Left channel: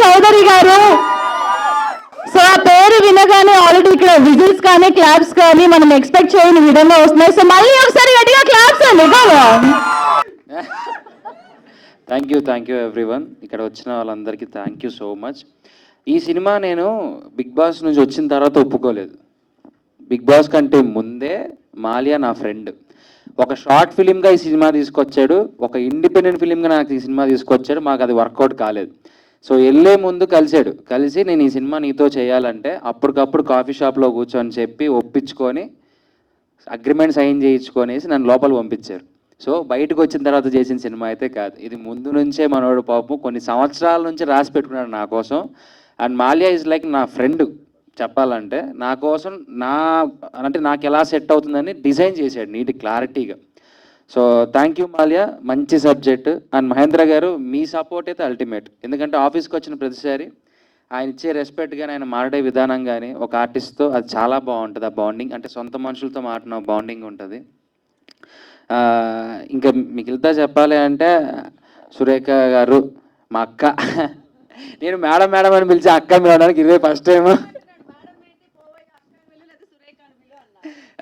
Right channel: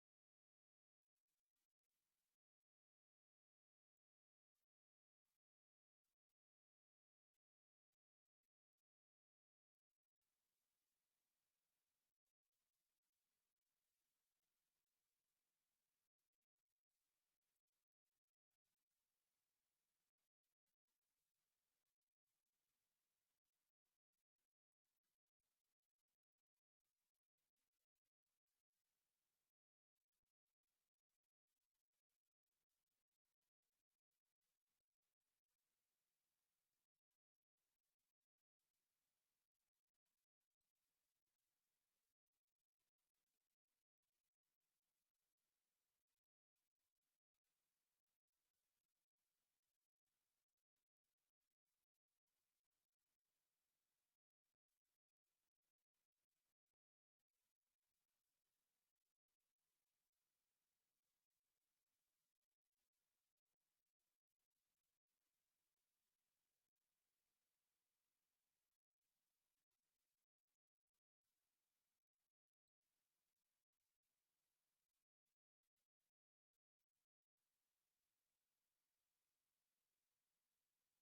చౌదరి గారు. సో ఆ పేరు వినగానే ఆల్రెడీ ఇక్కడ విజిల్స్ కానీ క్లాప్స్ కానీ మనం ఎక్స్పెక్ట్ చేయని విధంగా వస్తున్నాయి. సో మళ్ళీ ఒకసారి గట్టిగా క్లాప్స్ అండి. Thank you everyone. ఇక్కడ వచ్చిన వాళ్ళందరికీ థ్యాంక్ యూ సో మచ్. ఈ సినిమా నేను బిగ్ బాస్ నుంచి వచ్చిన తర్వాత ఒప్పుకోలేదు. బిగ్ బాస్ కంటే ముందే మాలియా నా ఫ్రెండ్. ఒక షార్ట్ ఫిలింగా ఈ సినిమా తీసుకొచ్చాడు, ఒక ఇండిపెండెంట్ ఫిలింగా నాకు ఈ సినిమా తీసుకొచ్చాడు. మాకు అది వర్కౌట్ కాలేదు. సో వెళ్ళే ముందు కలిసి నేను ఈ సినిమా నీతో చేయాలంటే అప్పటికప్పుడు కాఫీ షాప్లో కూర్చొని చెప్పి ఒప్పించుకొని అగ్రిమెంట్ సైన్ చేయించుకొనేసి నన్ను లోపల పంపించారు. సో బయటకు వచ్చిన తర్వాత చేసిన సినిమా అయితే కాదు, ఇది ముందు నుంచే మనోడు పాపం కొన్ని సంవత్సరాల నుంచి రాసి పెట్టుకున్నాడు నా కోసం. అండ్ మాలియా ఈజ్ లైక్ నా ఫ్రెండ్ చెప్పాలంటే. నా కోసం నాకు ఎలా సెట్ అవుతుందని డిజైన్ చేశాడు నీటి క్లారిటీగా. సో థ్యాంక్ యూ మాలియా, మంచి సబ్జెక్ట్. అండ్ మహేంద్ర గారు మీ సపోర్ట్ అయితే అల్టిమేట్. ఎందుకంటే ఆఫీస్కి వచ్చిన ప్రతిసారి ఆయన ఇచ్చే రెస్పెక్ట్ కానీ ఆయన మాట్లాడే విధానం కానీ ఒక ఆర్టిస్ట్తో అది చాలా బాగుంటుంది. ఆ బాండింగ్ అంటే సొంత మనుషులతో మాట్లాడిన బాండింగ్ ఉంటుంది. ఇంకా మిగిలితా చెప్పాలి అంటే సురేఖ గారు మా అక్క. నేను మేడం అని పిలిచి అక్క మేడానికి ఇదే ఫస్ట్ టైం.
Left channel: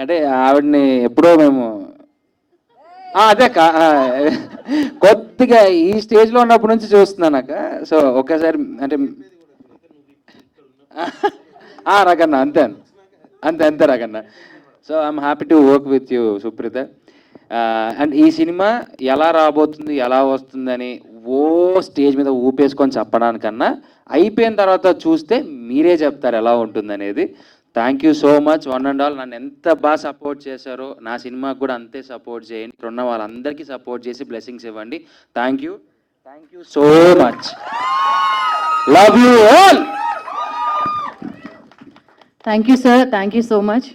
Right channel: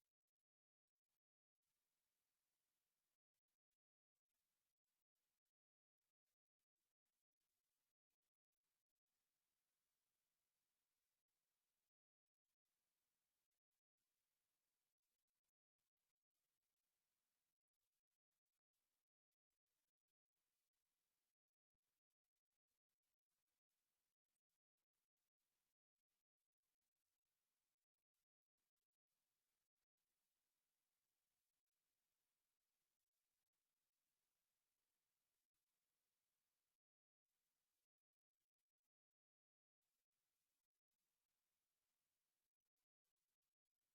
అంటే ఆవిడని ఎప్పుడో మేము అదే కొద్దిగా ఈ స్టేజ్లో ఉన్నప్పటి నుంచి చూస్తున్నాను అక్క. సో ఒక్కసారి అంటే రకన్న అంతే రకన్న. So I'm happy to work with you Supreetha. And ఈ సినిమా ఎలా రాబోతుంది ఎలా వస్తుందని స్టేజ్ మీద ఊపేసుకొని చెప్పడానికన్నా అయిపోయిన తర్వాత చూస్తే మీరే చెప్తారు ఎలా ఉంటుందనేది. Thank you so much one and all. నన్ను ఎంత బాగా సపోర్ట్ చేశారో నా సినిమాకి కూడా అంతే సపోర్ట్ చేయండి. ఇక్కడ ఉన్న వాళ్ళందరికీ సపోర్ట్ చేసి బ్లెస్సింగ్స్ ఇవ్వండి. Thank you so much. Love you all. Thank you sir, thank you so much.